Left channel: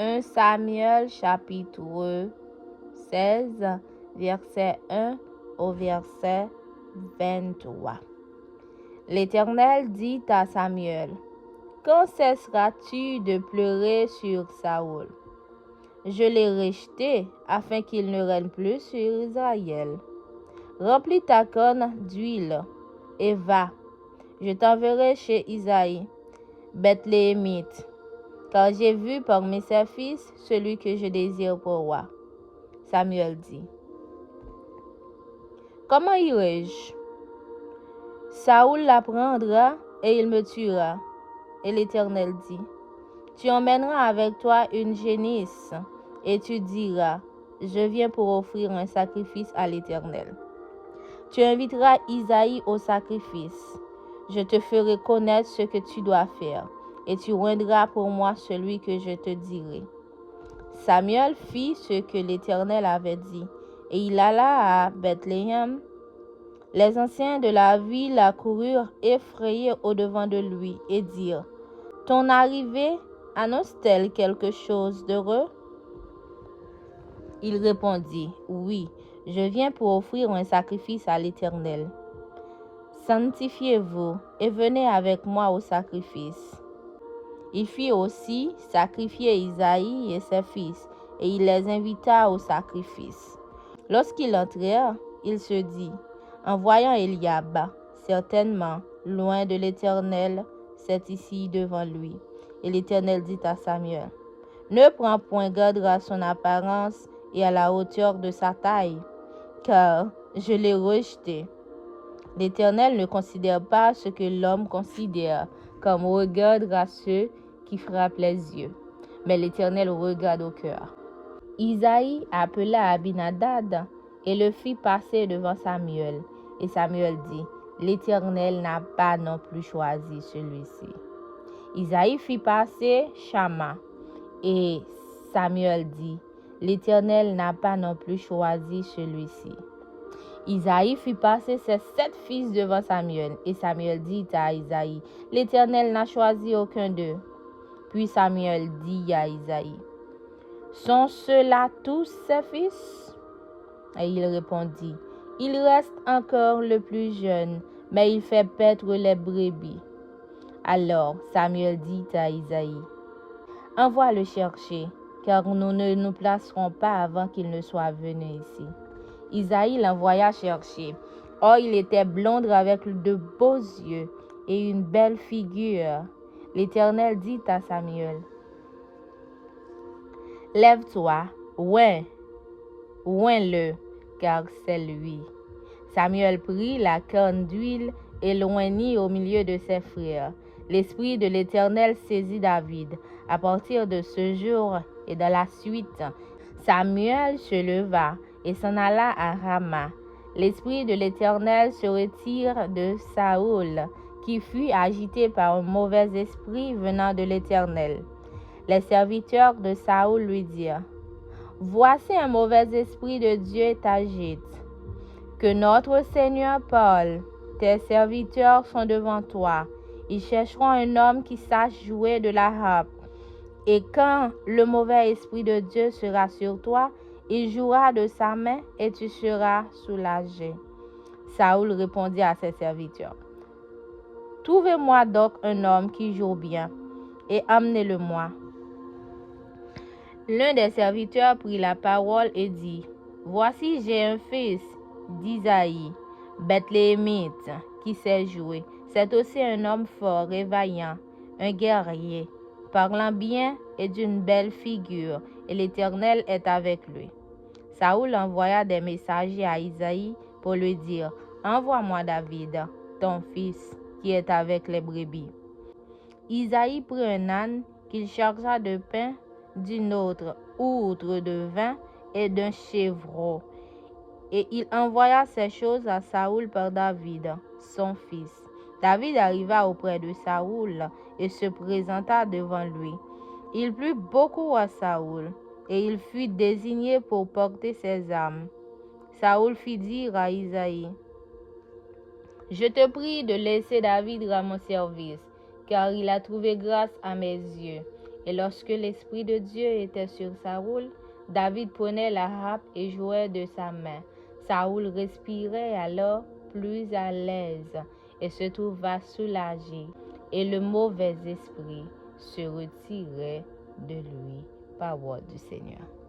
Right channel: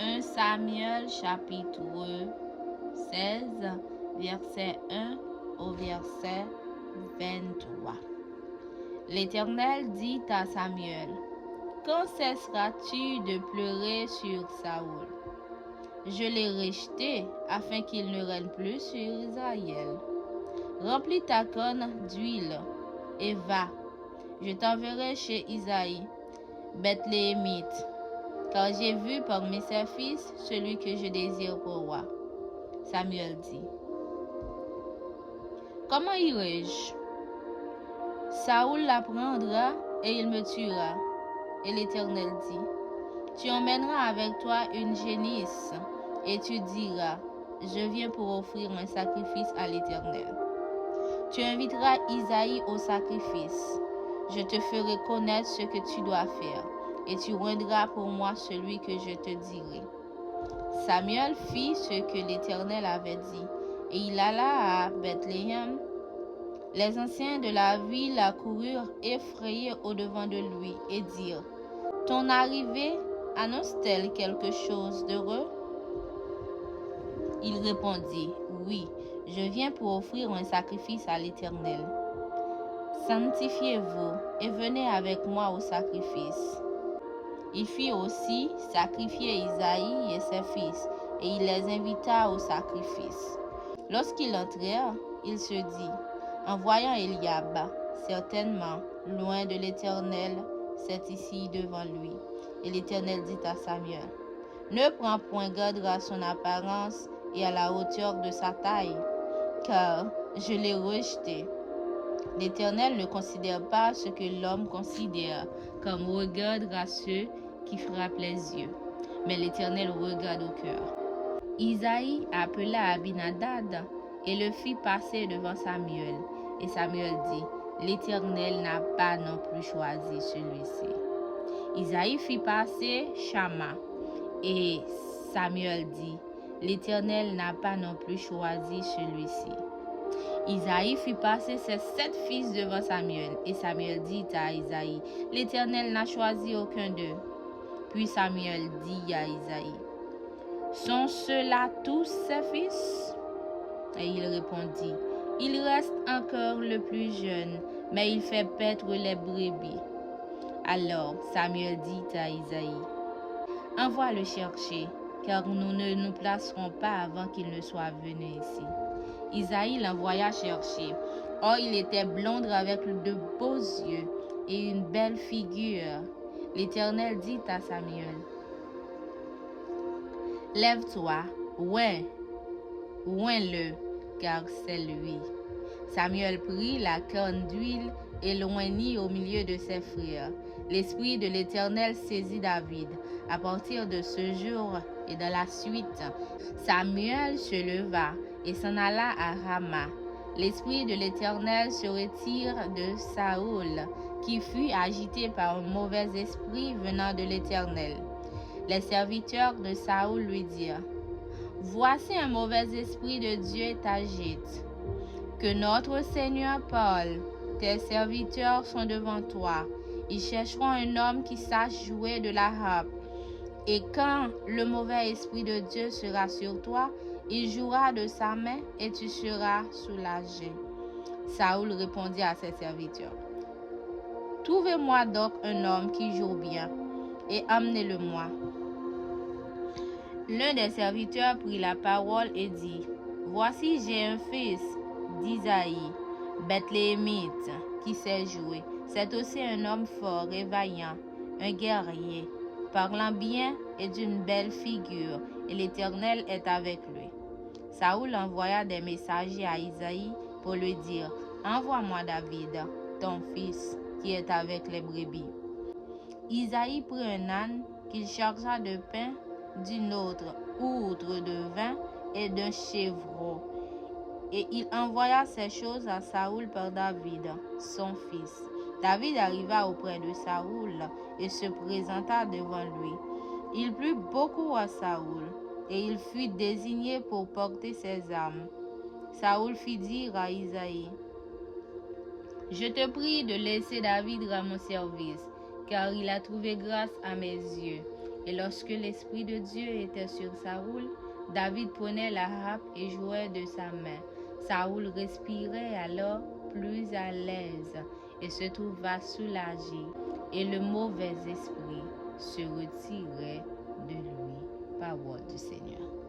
1 Samuel chapitre 16, verset 1 au verset 23. L'Éternel dit à Samuel: quand cesseras-tu de pleurer sur Saoul? Je l'ai rejeté afin qu'il ne règne plus sur Israël. Remplis ta canne d'huile et va. Je t'enverrai chez Isaïe, Bethléemite, car j'ai vu parmi ses fils celui que je désire pour roi. Samuel dit: comment irai-je? Saoul l'apprendra et il me tuera. Et l'Éternel dit: tu emmèneras avec toi une génisse et tu diras: je viens pour offrir un sacrifice à l'Éternel. Tu inviteras Isaïe au sacrifice. Je te ferai connaître ce que tu dois faire et tu rendras pour moi celui que je te dirai. Samuel fit ce que l'Éternel avait dit et il alla à Bethléem. Les anciens de la ville accoururent effrayés au-devant de lui et dirent: ton arrivée annonce-t-elle quelque chose d'heureux? Il répondit: oui, je viens pour offrir un sacrifice à l'Éternel. Sanctifiez-vous et venez avec moi au sacrifice. Il fit aussi sacrifier Isaïe et ses fils, et il les invita au sacrifice. Lorsqu'ils entrèrent, il se dit, en voyant Eliab, certainement, loin de l'Éternel, c'est ici devant lui. Et l'Éternel dit à Samuel: ne prends point garde à son apparence et à la hauteur de sa taille, car je l'ai rejeté. L'Éternel ne considère pas ce que l'homme considère, comme regarde à ceux qui frappent les yeux, mais l'Éternel regarde au cœur. Isaïe appela Abinadab et le fit passer devant Samuel. Et Samuel dit: l'Éternel n'a pas non plus choisi celui-ci. Isaïe fit passer Shama. Et Samuel dit: l'Éternel n'a pas non plus choisi celui-ci. Isaïe fit passer ses 7 fils devant Samuel. Et Samuel dit à Isaïe: l'Éternel n'a choisi aucun d'eux. Puis Samuel dit à Isaïe: sont ceux-là tous ses fils? Et il répondit: il reste encore le plus jeune, mais il fait paître les brebis. Alors Samuel dit à Isaïe: envoie le chercher, car nous ne nous placerons pas avant qu'il ne soit venu ici. Isaïe l'envoya chercher. Or, il était blond avec de beaux yeux et une belle figure. L'Éternel dit à Samuel: lève-toi, oins-le, car c'est lui. Samuel prit la canne d'huile et l'oignit au milieu de ses frères. L'Esprit de l'Éternel saisit David. À partir de ce jour et de la suite, Samuel se leva et s'en alla à Rama. L'Esprit de l'Éternel se retire de Saoul, qui fut agité par un mauvais esprit venant de l'Éternel. Les serviteurs de Saoul lui dirent: voici un mauvais esprit de Dieu t'agite. Que notre Seigneur parle. Tes serviteurs sont devant toi. Ils chercheront un homme qui sache jouer de la harpe. Et quand le mauvais esprit de Dieu sera sur toi, il jouera de sa main et tu seras soulagé. Saoul répondit à ses serviteurs: trouvez-moi donc un homme qui joue bien et amenez-le-moi. L'un des serviteurs prit la parole et dit: voici, j'ai un fils d'Isaïe, Bethléemite, qui sait jouer. C'est aussi un homme fort et vaillant, un guerrier, parlant bien et d'une belle figure, et l'Éternel est avec lui. Saoul envoya des messagers à Isaïe pour lui dire: envoie-moi David, ton fils, qui est avec les brebis. Isaïe prit un âne qu'il chargea de pain, d'une autre outre de vin et d'un chevreau. Et il envoya ces choses à Saoul par David, son fils. David arriva auprès de Saoul et se présenta devant lui. Il plut beaucoup à Saoul, et il fut désigné pour porter ses armes. Saoul fit dire à Isaïe: je te prie de laisser David à mon service, car il a trouvé grâce à mes yeux. Et lorsque l'Esprit de Dieu était sur Saoul, David prenait la harpe et jouait de sa main. Saoul respirait alors plus à l'aise et se trouva soulagé, et le mauvais esprit se retirait de lui. Parole du Seigneur.